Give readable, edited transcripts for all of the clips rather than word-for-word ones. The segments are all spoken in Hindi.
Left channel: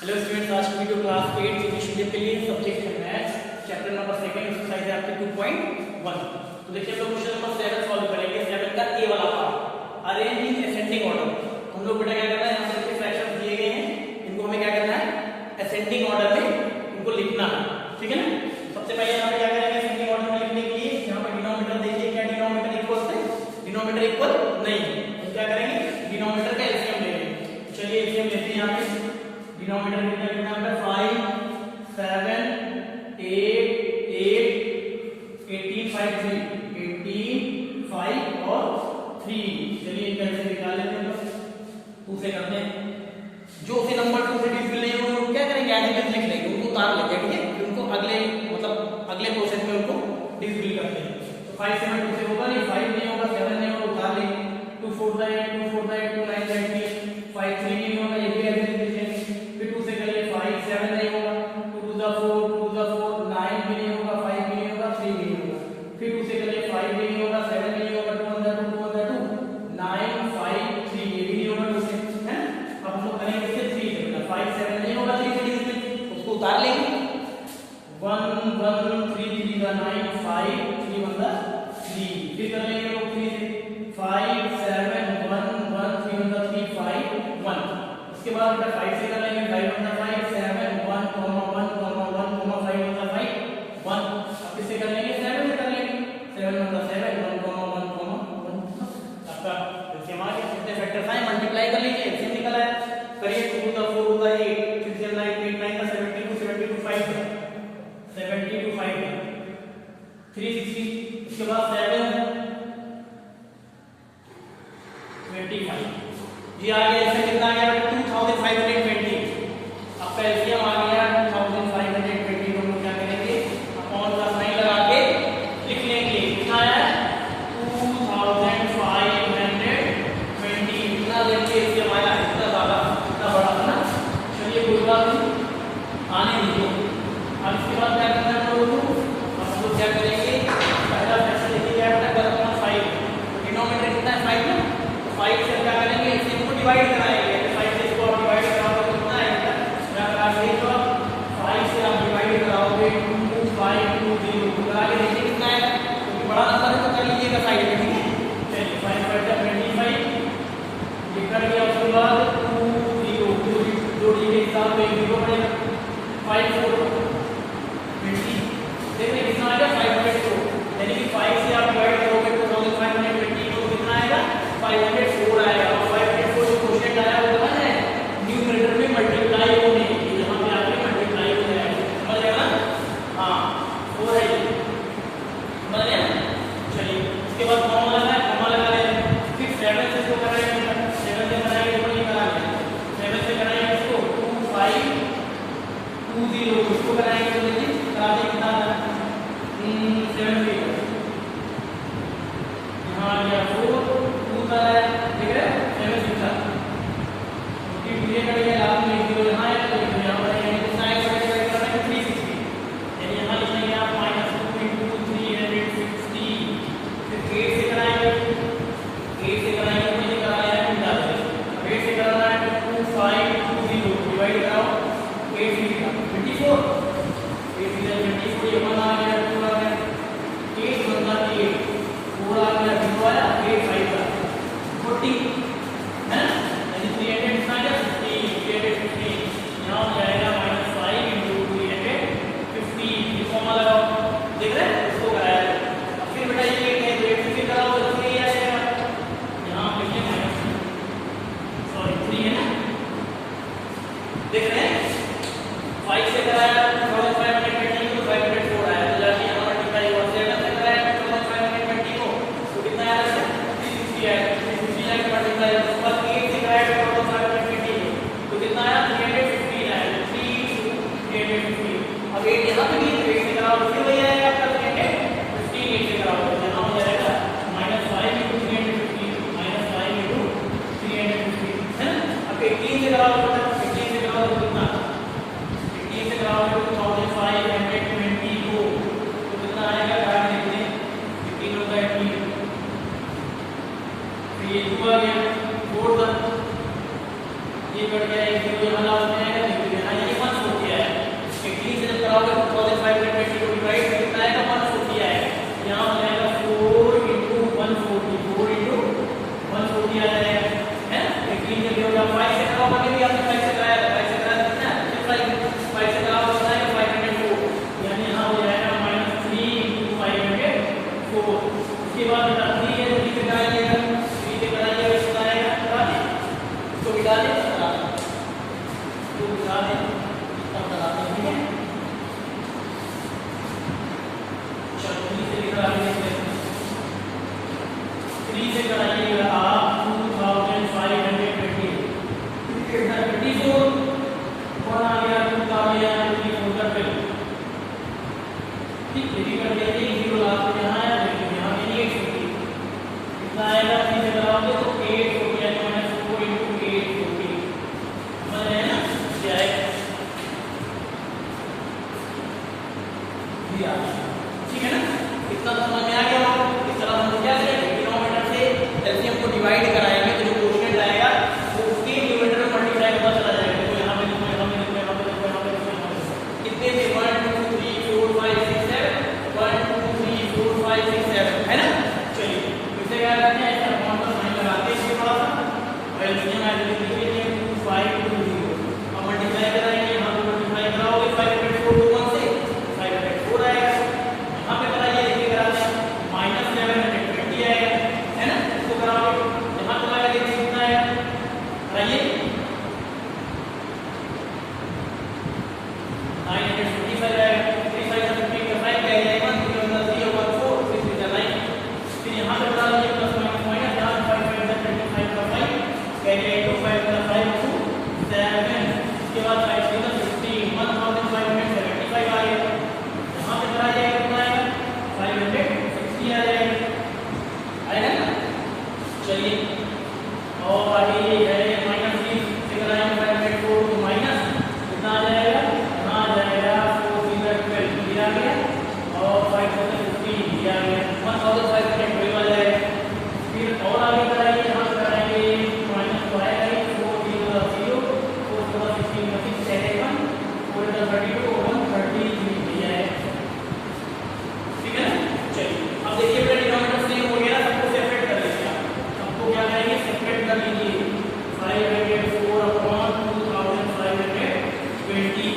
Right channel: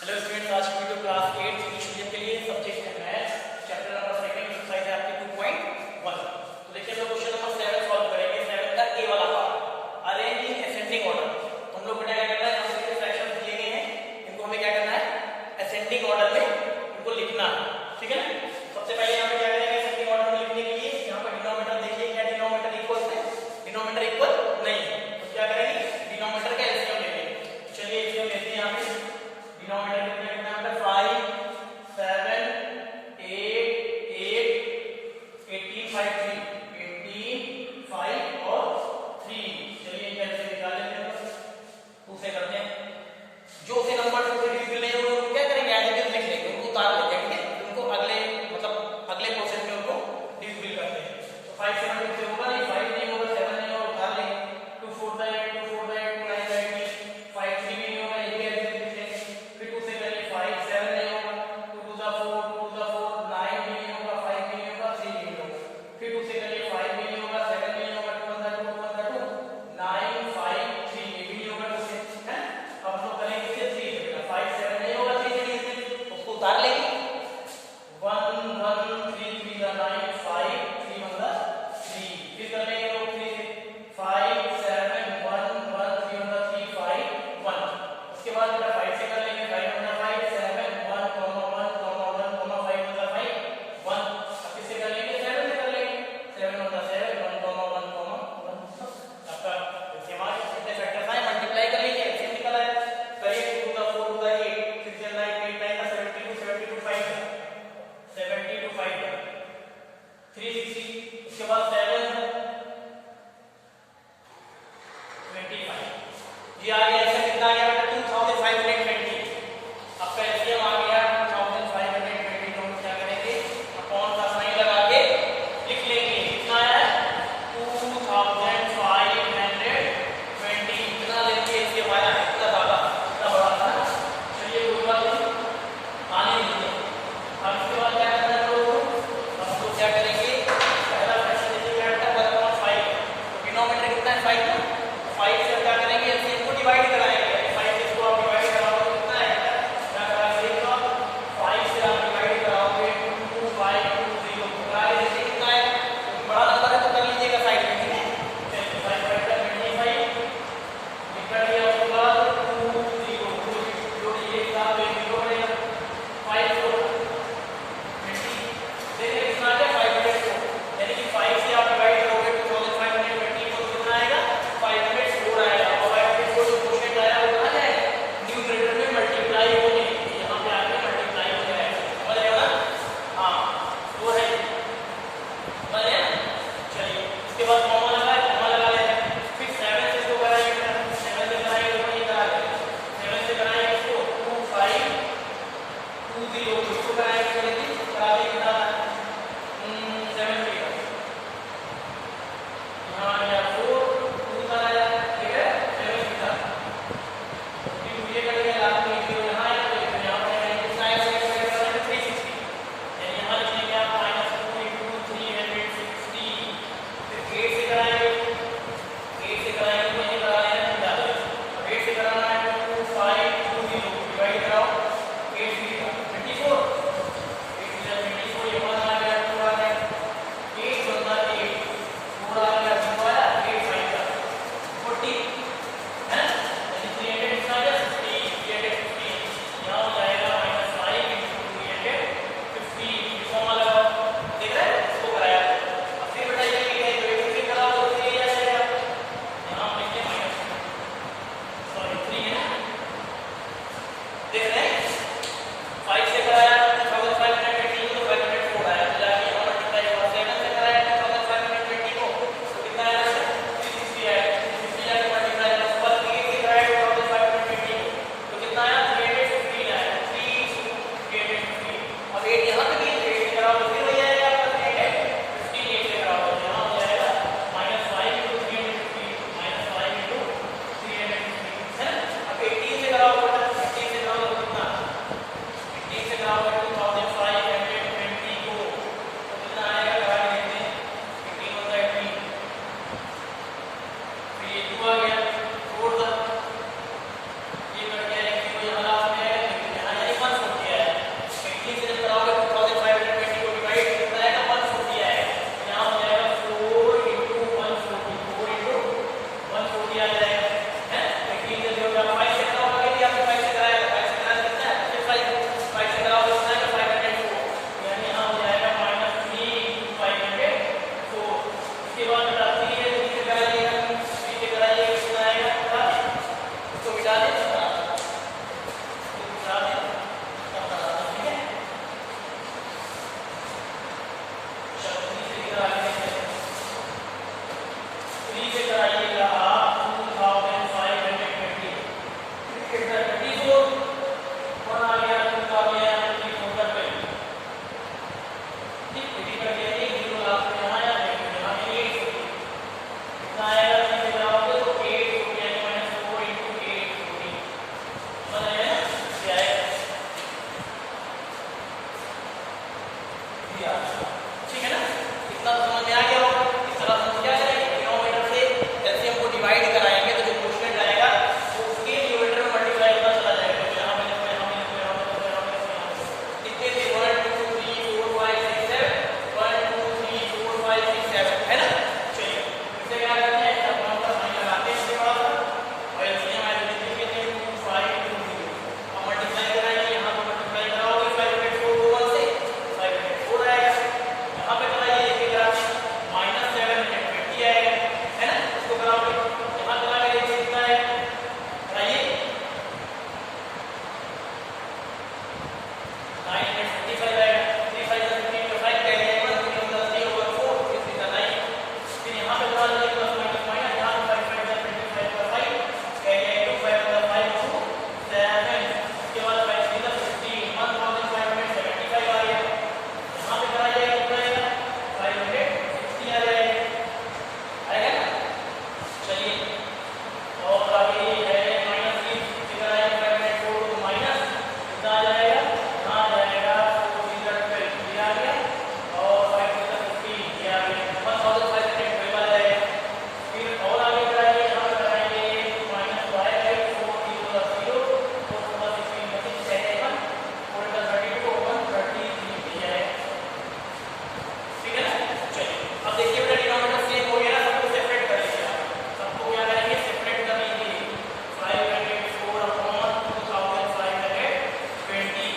हेलो स्टूडेंट्स, आज की वीडियो क्लास 8 इंग्लिश मीडियम के लिए सब्जेक्ट है मैथ्स, चैप्टर नंबर 2 एक्सरसाइज है आपकी 2.1। तो देखिए हम लोग क्वेश्चन नंबर 7 सॉल्व करेंगे। 7 का ए वाला पार्ट, अरेंजिंग असेंडिंग ऑर्डर। हम लोग बेटा क्या करना है, यहाँ पे फ्रैक्शंस दिए गए हैं, इनको हमें क्या करना है, असेंडिंग ऑर्डर में इनको लिखना है, ठीक है ना। सबसे पहले यहाँ पे क्या करेंगे, असेंडिंग ऑर्डर में लिखने के लिए यहाँ पर डिनोमिनेटर देखिए, क्या डिनोमिनेटर इक्वल है, डिनोमिनेटर इक्वल नहीं है, तो क्या करेंगे, डिनोमिनेटर का एलसीएम ले लेंगे। चलिए एलसीएम लेते हैं। यहाँ पे डिनोमिनेटर कितना है, 5 7 8 8 18 5 3 18 5 और 3। चलिए इनका एलसीएम निकाल लेते हैं, 2 से करते हैं। जो उसे नंबर 2 से डिविजिबल नहीं होंगे उनको क्या करेंगे, एज इट इज लिख लेंगे, उनको उतार लेंगे, ठीक है। फिर उनको अगले अगले प्रोसेस में उनको डिविजिबल करते हैं। तो 5 7 2 से होगा नहीं, 5 नहीं होगा, 7 नहीं होगा, उतार लेंगे। 2 4 8 2 4 8 2 9 18 5 3 नहीं होगा, ये भी एज इट इज लिख लेंगे। फिर 2 से करिए, 5 7 नहीं होगा, 2 2 4 4 9 भी नहीं होगा, 5 भी नहीं होगा, 3 भी नहीं होगा। फिर 2 से करिए, 5 भी नहीं होगा, 7 भी नहीं होगा, 2 1 2 2 9 5 3 ये भी नहीं होगा, 2 से है ना। अब हम लोग करेंगे इससे 3 से, बेटा 5 7 नहीं होगा, 3 से डिविजिबल, उसको उतार लेंगे। 1 1 3 3 का 9 5 3 1 का 3। फिर कर लेंगे लोग 3 से, 5 7 1 1 3 1 का 3 5 1। उसके बाद बेटा 5 से कर लेंगे, 5 1 5 7 1 1 1 5 1 5 1। अब किससे कर लेंगे, 7 से कर लेंगे, 7 1 7 1 1 1। आपका एलसीएम आ गया। कितने फैक्टर्स आए, मल्टीप्लाई कर लीजिए, एलसीएम निकला है। करिए 2 2 4 2 8 6 9 8 9 का 72 72 5 72 5 360। उसके बाद 7 25 ये आ गया। इससे कितना आ गया, 2520। आपका एलसीएम आ गया 2520। तो हम लोग क्या करेंगे, अपॉन का साइन लगा के लिख लेंगे। कितना आया, 2520। इतना लेके एलसीएम आया, इतना ज्यादा, इतना बड़ा था ना। चलिए कोई बात नहीं, आने दीजिए। अब इसके बाद क्या करना है, तो अब हम लोग क्या करेंगे, पहला क्वेश्चन देखिए क्या है, 1/5। डिनोमिनेटर कितना है, 5 ना। 5 से क्या करेंगे, एलसीएम को डिवाइड कराएंगे। 5 से इसको आप डिवाइड कराओगे तो कितना आएगा, क्या कराओगे, तो 5 से आप डिवाइड कराओगे 2 5 2 0 करा के देखिए कितना आएगा। क्योंकि बड़ा नंबर है तो कर लीजिएगा साइड में, ठीक है। चलिए 5 5 25 डिवाइड किया, उसके बाद 2 0 जोड़िए, हिसाब में 0 पड़ेगा। 5 4 20 देखिए कितना आ गया, 504। यानी कि 5 से आप डिवाइड करोगे 2520 को कितना आएगा, 504 आएगा। और 504 जो क्वोशिएंट आया वो कहां जाएगा, न्यूमरेटर में मल्टीप्लाई होने, यहां पे आके मल्टीप्लाई हो जाएगा, समझ गए ना। हां वो है, समझ गए। चलिए उसके बाद कॉमा लगा है, कॉमा लगा ले। फिर 7 से इसको कराएंगे, 7 से कराएंगे तो नहीं करा लेंगे, 7 से कराएंगे इसको 2 5 2 0 इसको कराएंगे तो देखिए करा दे कितना आता है, 7 3 यहाँ आ गया 4 2 तक आया, ठीक है। 7 6 तक तो ये कर लिया, लास्ट में 0 यहाँ आया तो यहाँ पर यानी कितना आएगा, तो ये करेंगे 360। यानी यहाँ लिखेंगे आप -2 360। फिर 8 से कराएंगे, 8 से कराएंगे तो ये कराया है हम डाल देंगे। अब 8 से कराना है तो 2 5 2 0 डिवाइड कराओ, 8 3 24 8 24 ये 1 आ गया, 2 आ गया, 8 1 8 4 आ गया, 2 आया, 8 5 का 40 है, यानी 300 कितना आ गया, 350। यहाँ हो जाएगा -5 × 350। ये फॉर्मूला लगाओ, देख रहे हैं इसको कराया है। अब फिर बेटा ये लिखेंगे तो 8 से कराओ तो 3 आ जाएगा, यहाँ लिखिए -3 है ना, देख रहे हैं। 5 से कराया 2520 तो 504 आया, तो जाके यहाँ मल्टीप्लाई हुआ। 7 से कराया 2520 को तो कितना आया, 360 आया, 360 जाके मल्टीप्लाई हुआ। उसके बाद 8 से कराया 2520 को तो कितना आया, 315 आया, 315। अब 8 यहाँ पे भी 8 से कराओ तो फिर वही आएगा आपका 315 8 से कराओ तो यहाँ हो जाएगा -5 × 350 -5 × 350 है ना। अब 18 से कराओ, 18 से कराओ तो कितना, 18 से कराओ 2520 को तो कितना आएगा, करा देखते हैं, 18 1 18 फिर ये 2 आ गया, 4 तक ये बढ़ गया, ये यहाँ लास्ट में है, यहाँ और आगे ये है -3 फिगर आएंगे 504 तो माइनस कितना आ जाएगा, यहाँ आ जाएगा 4 ये आ गया और 5 15 ये आ गया 1512 आ जाएगा। फिर और आगे कराइए, यहाँ कराएंगे -y है 4 0 0 4 16 26 7 4 32 133 दिया है, ठीक है ना। चलिए अब देखिए बेटा डिनोमिनेटर सेम हो गया, सबको सेपरेट कर लीजिए। सबको क्या करेंगे, सेपरेट कर लीजिए। 504 upon 2520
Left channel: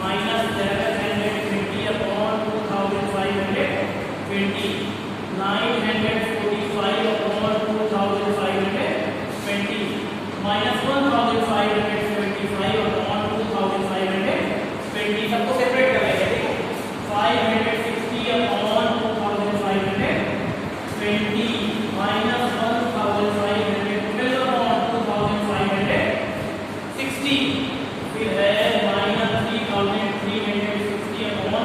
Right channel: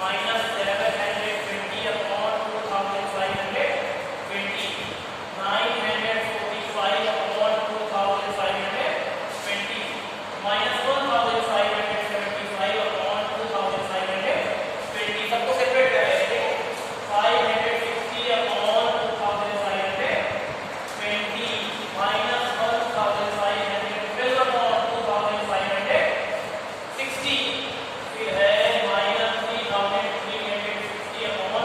minus 720 upon 2520 945 upon 2520 minus 1575 upon 2520 सबको सेपरेट कर लेंगे। देखो 560 अपॉन 2520 माइनस 1512 अपॉन 2560 फिर है माइनस 3360 अपॉन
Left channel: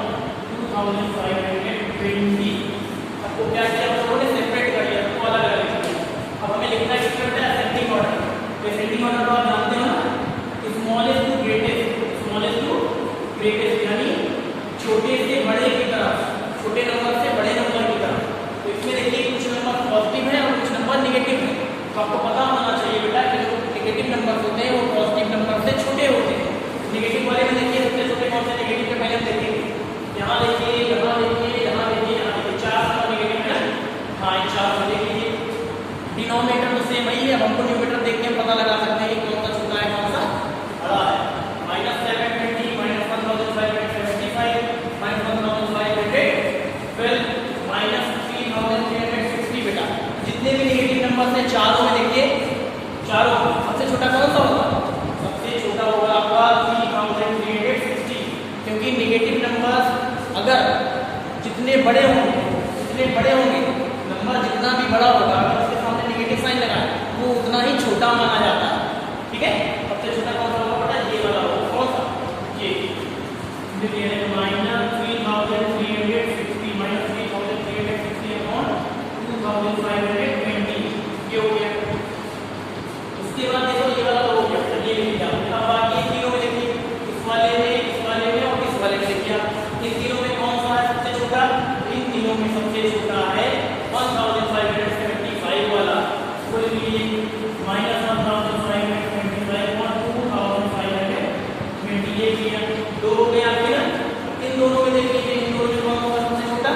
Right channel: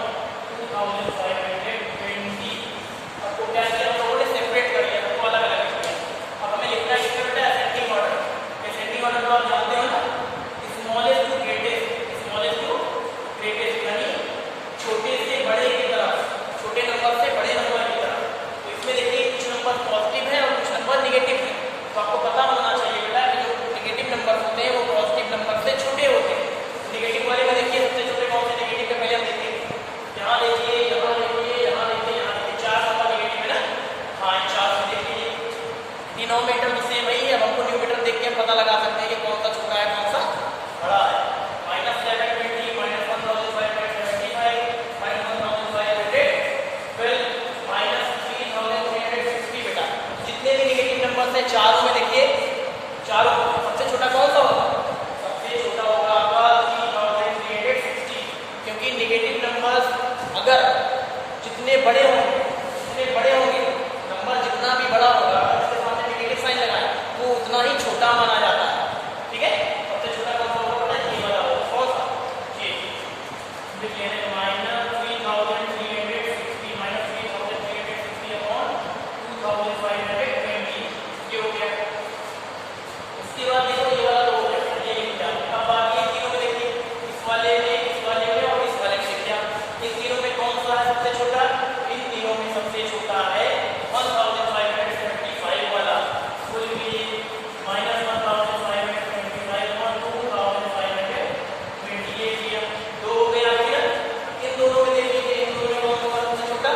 2520। आपको क्या किया, हम लोगों ने सेपरेट कर लिया, सबको अलग अलग किया। अब हमें लिखना किस करता है, असेंडिंग ऑर्डर। असेंडिंग ऑर्डर तो आप जानते हो ना, स्मॉलेस्ट टू ग्रेटेस्ट यानी छोटे से बड़े की तरफ, छोटे नंबर से बड़े नंबर की तरफ। तो इसमें देखिए कुछ नंबर पॉजिटिव है और कुछ नंबर नेगेटिव है, तो आपको पता होना चाहिए बेटा कि जो नेगेटिव नंबर होते हैं वो पॉजिटिव नंबर से छोटे होते हैं। नेगेटिव वाले में देखिए सबसे छोटे कौन से नेगेटिव के पहले हम देखेंगे। यहाँ देखिए, यहाँ देखिए, यहाँ देखिए, यहाँ देखिए, 4 नंबर नेगेटिव है ना। हाँ 4 में देखिए डिनोमिनेटर तो सेम ही है, हमको न्यूमरेटर देख के पता लगा सकते हैं कि कौन सा छोटा है कौन सा बड़ा है। -720 माइनस 1575 माइनस 1512 माइनस 3360 बेटा। जितने भी नेगेटिव नंबर है चारों में देखिए, चारों में सबसे छोटा कौन सा होगा, सबसे छोटा होगा आपका 3360, क्योंकि नेगेटिव नंबर अगर जितने बड़े होंगे नंबर जितना भी बड़ा होगा अगर उसके सामने नेगेटिव साइन लगाए वो उतना ही छोटा माना जाता है, ठीक है। सबसे छोटा कौन सा होगा बेटा, ये वाला होगा। कौन सा, ये देखिए -3360 माइनस 3360 अपॉन 2520 ये हो गया। उसके बाद देखो ये वाला हो गया, ये लिखा। अब बाकी इन तीनों में देखिए, इस वाले में और इस वाले में देखिए इन तीनों में कौन सा है सबसे छोटा, इन तीनों में सबसे छोटा है 1575 वाला। कोई भी माइनस 1525 और 2520 ये किया। दो हो गए आपके ना, इन दोनों में देख लीजिए, इन दोनों में कौन सा सबसे छोटा,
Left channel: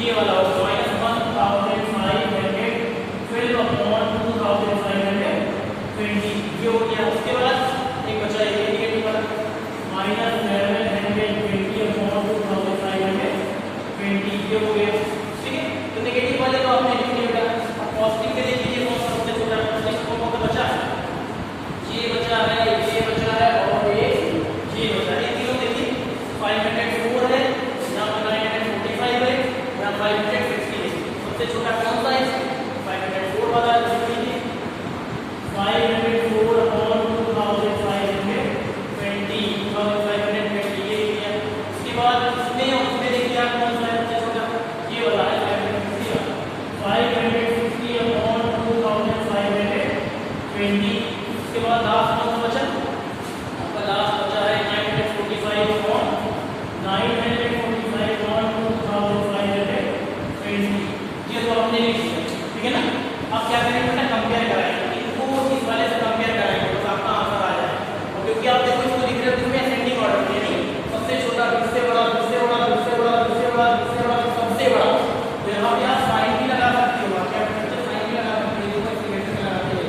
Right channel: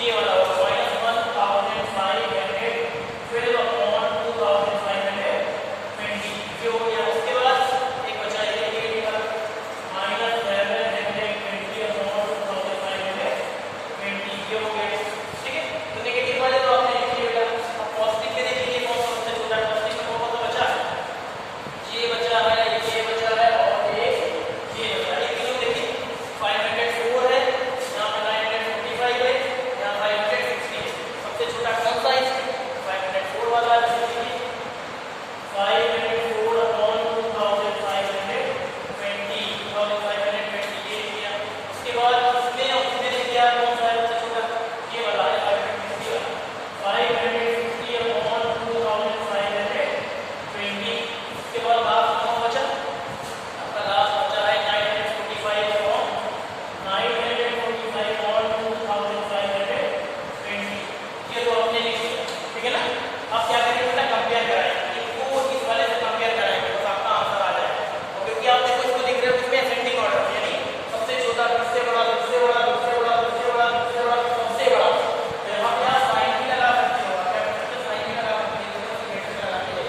ये वाला होगा -1512 अपॉन 2520 ये हो गया। उसके बाद एक बचा ये नेगेटिव वाला -720 अपॉन 2520 ये हो गया, ठीक है। तो नेगेटिव वाले तो आपने लिख लिया बेटा। अब पॉजिटिव में देख लीजिए कौन सा सबसे छोटा है, पॉजिटिव कौन सा बचा है, ये बचा है, ये बचा है और ये बचा है। ये तीनों देखिए 504 है, यहाँ पे 945 है, यहाँ 560 है। सबसे छोटा कौन सा है, 504 वाला है। 504 अपॉन 2520 ये किया। उसके बाद उसमें देखिए आप कौन सा है सबसे छोटा, ये वाला है 550 अपॉन 2520। उसके बाद लास्ट कौन बचा, आपका लास्ट बचा है 945 अपॉन 2520 ये तो आपने लिख दिया, ठीक है ना। अब क्या करेंगे बेटा, कंपेयर कराएंगे इनको इस वाले से, कंपेयर कराएंगे बस आपका आंसर आ जाएगा। क्योंकि आप देखो इसको लिख रहे हो इसमें असेंडिंग ऑर्डर में, यानी सबसे छोटा सबसे बड़ा सबसे बड़ा सबसे बड़ा सबसे बड़ा सबसे बड़ा सबसे बड़ा। तो यहाँ पे आप साइन भी लगा सकते हो, आप क्या साइन भी लगा सकते हो, लगाते हैं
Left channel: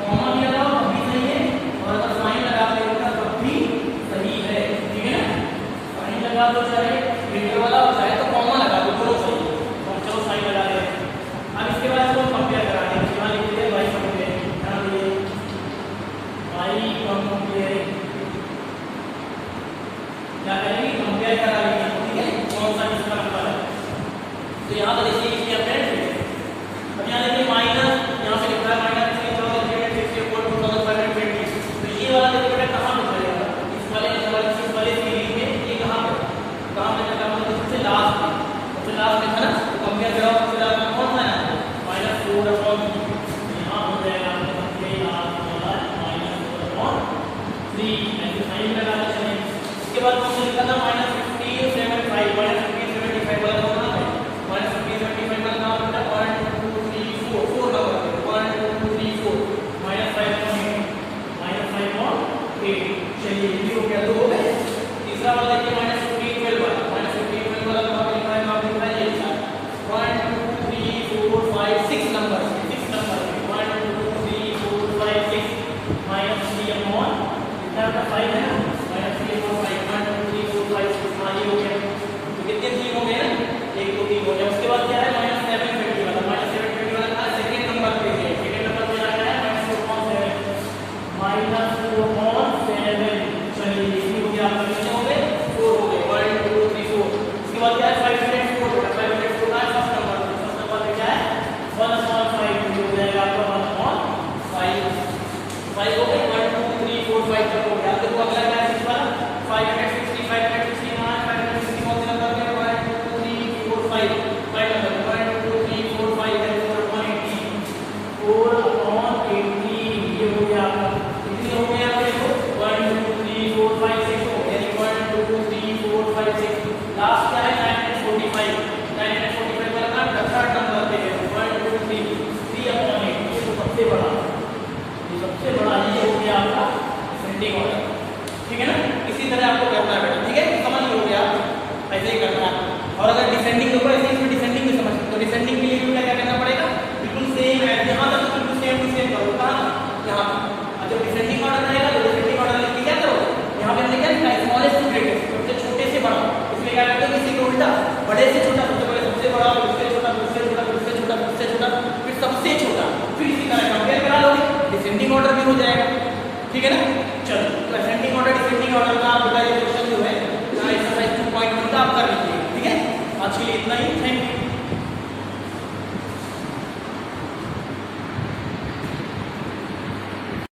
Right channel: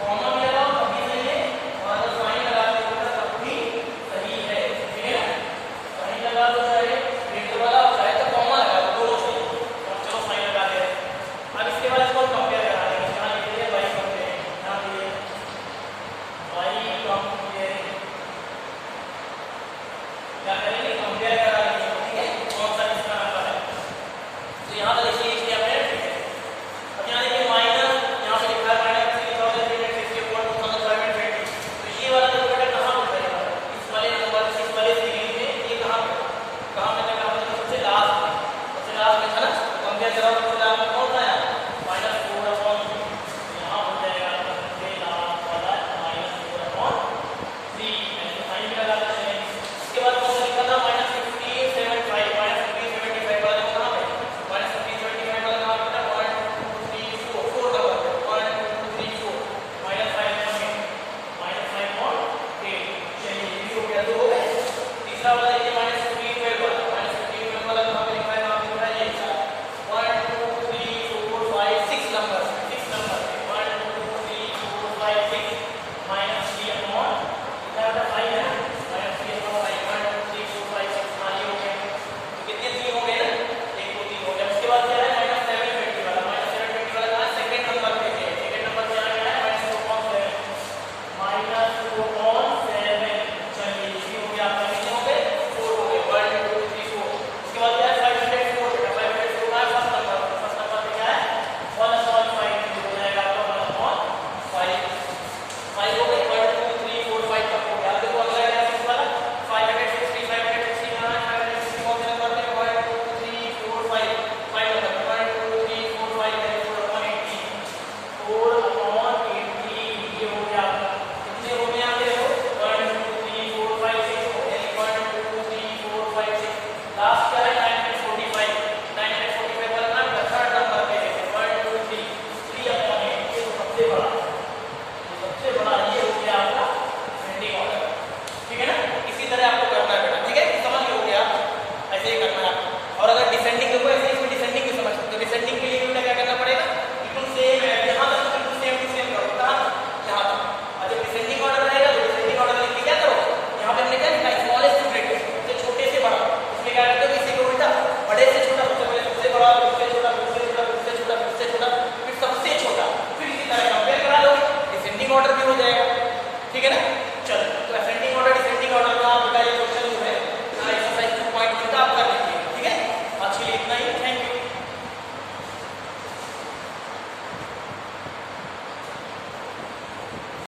कॉमा भी लगाओ तब भी सही है, और अगर साइन लगाते हो तब भी सही है, ठीक है ना। साइन लगा दो, चाहे ग्रेटर वाला हो चाहे तो कॉमा लगा दो, दोनों सही है। चलो साइन लगा दे। अब इसके बाद इसको कंपेयर कराएंगे, यहाँ लिखते हैं बाई कंपेयर, यहाँ दिए बाई कंपेयर, क्या करेंगे कंपेयर करा लेंगे, ठीक है, कौन सा किसका नंबर है। तो यहाँ पर देखिए इसमें अपने अब यहाँ देखिए माइनस, यहाँ से लिखा है -2520 तो ये वाला देखिए कहाँ पे चलेगा, इस वाले नंबर इस वाले सीरीज में ये कहाँ पे सबसे लास्ट में था ना। कंपेयर कराओ सबसे लास्ट में कौन सा है, -4 अपॉन, यहाँ हो जाएगा सबसे ऐसे साइन भी लगा देते हैं। उसके बाद क्वेश्चन लिखा था -1575 -1575 वाला कहां है? -1575 वाला कहां लिखा? 1 2 3 4 4 नंबर पे 1 2 3 4 -5.8 चलिए ये भी हो गया, दो हो गए। तीसरा वाला देखिए -1512 वाला -1512 वाला कहां पे लिखा है? नाम लिखा है ये 1 2 3 4 5 6 नंबर 6 नंबर पे 1 2 3 4 5 6 -3 अपॉन कितना होता है? 5 है ना, -3 अपॉन 5 1 2 3 4 5 6 ये हो गया। तो कितने 3 हो गए ना, 1 2 3 हो गया। उसके बाद क्या है? -720 वाला -720 वाला कहां? सेकंड नंबर पे है। सेकंड नंबर पे आ गया -2 अपॉन 7 -2 अपॉन 7। चलिए ये हो गया आपका, कितने हो गए? 4 हो गए 1 2 3 4। उसके बाद क्या है? 504 बेटा 504 है फर्स्ट नंबर पे क्या है? 1 अपॉन 5 हो जाएगा आपका 1 अपॉन 5 5 हो गए 1 2 3 4 5 तक हो गया। अब देखो अगला क्या है? इस वाला 560 560 कहां है? 560 कौन से नंबर पे? 1 2 3 4 5 5 नंबर 1 2 3 4 5 है 4 अपॉन 80 4 अपॉन 80 ये हो गया आपका। कितने हो गए यहाँ पे? देखो 1 2 3 4 5 6 हो गए 1 2 3 4 5 6। लास्ट क्या है? 945 वाला ना थर्ड नंबर पे है 1 2 3 3 अपॉन 8 ये तो सबसे बड़ा, ये सबसे बड़ा ये हो गया आपका असेंडिंग ऑर्डर। ठीक है ना, इसी तरह आपको करना है बेटा। ठीक है, समझ में हो गया, ऐसे ही करना है। और अगर डिसेंडिंग हो ऐसे ही डिसेंडिंग भी समझ, तो डिसेंडिंग के लिए बेटा क्या करना पड़ेगा? बिल्कुल सेम है, यहां तक बिल्कुल सेम टू सेम करो कहां? यहां तक। अच्छा डिसेंडिंग ऑर्डर रहेगा तो डिसेंडिंग ऑर्डर लिख के क्या करोगे? यहां पर लिखा है स्मॉलेस्ट टू ग्रेटेस्ट, सबसे छोटे से बड़ा। इसमें क्या करते हो? इसी के उल्टा बड़े से छोटा, सबसे बड़े सबसे बड़ा, उससे छोटा उससे छोटा उससे छोटा उससे छोटा फिर सबसे छोटा, फिर इसी तरह कंपेयर करा लोगे, डिसेंडिंग ऑर्डर भी हो जाएगा। ठीक है ना, चलो तो असेंडिंग ऑर्डर डिसेंडिंग ऑर्डर का बेटा ये क्वेश्चन जो है एक्सरसाइज 2.1 का आप कर लीजिए। ठीक है, आज के लिए इतना ही, थैंक यू।